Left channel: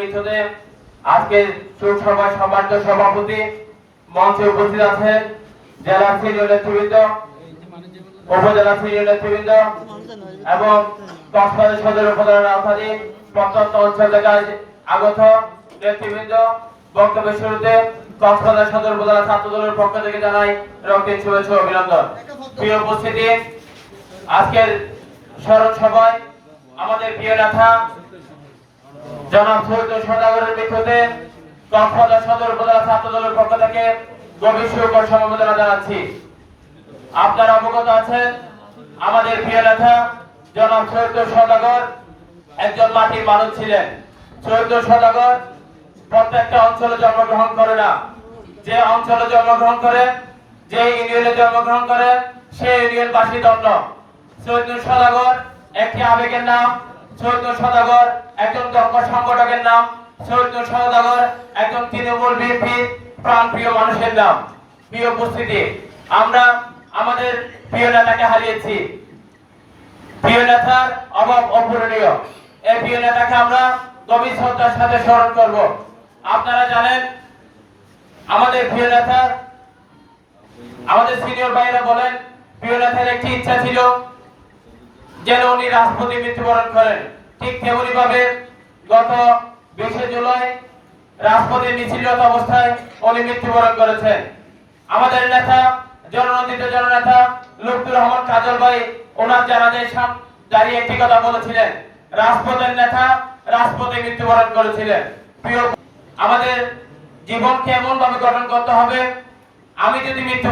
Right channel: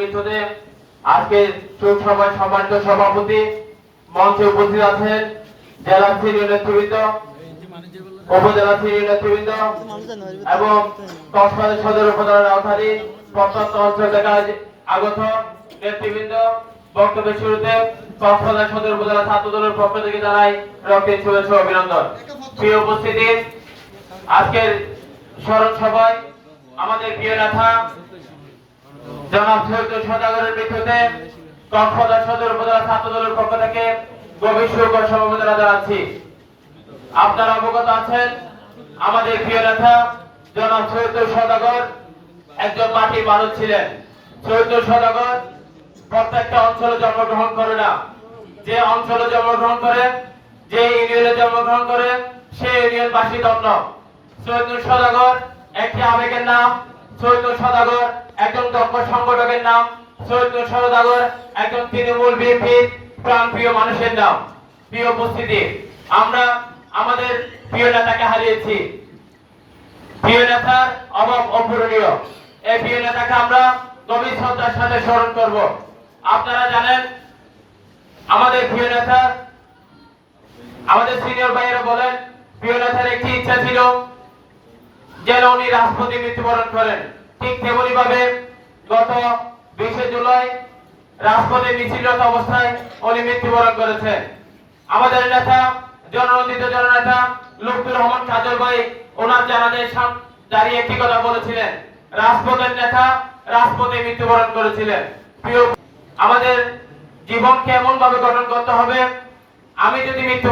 মৃত্যুতে আজকে শোক সভায় সম্মানিত সভাপতি মঞ্চে উপস্থিত আছেন জেলা সিনিয়র নেতৃবৃন্দ, উপজেলা সিনিয়র নেতৃবৃন্দ এবং কক্সবাজার সদর উপজেলার আওতাধীন প্রত্যন্ত অঞ্চল থেকে আগত নেতৃবৃন্দ। বক্তব্যের শুরুতে কক্সবাজার সদর উপজেলা ছাত্র দলের পক্ষ থেকে জানাই রক্তিম শুভেচ্ছা অভিনন্দন। প্রিয় উপস্থিতি, আজকের স্মরণ সভায় আমাদের প্রিয় নেতা জনাব সৈয়দ সদাগরের মৃত্যুতে কক্সবাজার সদর উপজেলা ছাত্র দলের পক্ষ থেকে গভীর শোক সমবেদনা জানাচ্ছি। আপনারা অবগত আছেন, আমাদের প্রিয় নেতা জনাব সৈয়দ সদাগর একজন মাটির মানুষ ছিলেন। সৈয়দ সদাগর প্রত্যেকটা অঞ্চলে জন্মগ্রহণ করে না। যে অঞ্চলে জন্মগ্রহণ করে, যে ইউনিয়নে জন্মগ্রহণ করে সেই ইউনিয়নবাসী দণ্ড সৈয়দ সদাগর একটি আবেগের নাম সৈয়দ সদাগর, একজন ধর্ম সংগঠকের নাম সৈয়দ সদাগর, একজন তৃণমূল বিএনপির প্রাণপ্রিয় মানুষের নাম। প্রিয় উপস্থিতি, আমরা আমাদের প্রিয় নেতাকে হারিয়েছি। প্রিয় নেতার অভাব অপূরণীয়। এই প্রিয় নেতাকে আমরা গভীর শ্রদ্ধার সাথে স্মরণ করব। আপনারা জানেন, আমাদের প্রিয় নেতা, আমাদের সিনিয়র ভাইরা বলেন, প্রিয় নেতার একটি ইচ্ছা ছিল যেন উনি রাষ্ট্রপতি মৃত্যুবরণ করেন। ঠিক তেমনি ভাবে গত বিশে জুলাই রাষ্ট্রপতি মিছিলরত অবস্থায় উনি মৃত্যুবরণ করেছেন। আমাদের নেতা, জননন্দিত জননেতা লুৎফুর রহমান কাজল ভাই ওনার জানাজায় সাম দাঁড়িয়ে একটি কথা বলেছিলেন। রাজপথের নেতা রাজপথে মৃত্যুবরণ করেছিলেন। প্রিয় আমাদের জীবনকে এমন ভাবে গঠন করতে হবে, আমি যদি মৃত্যু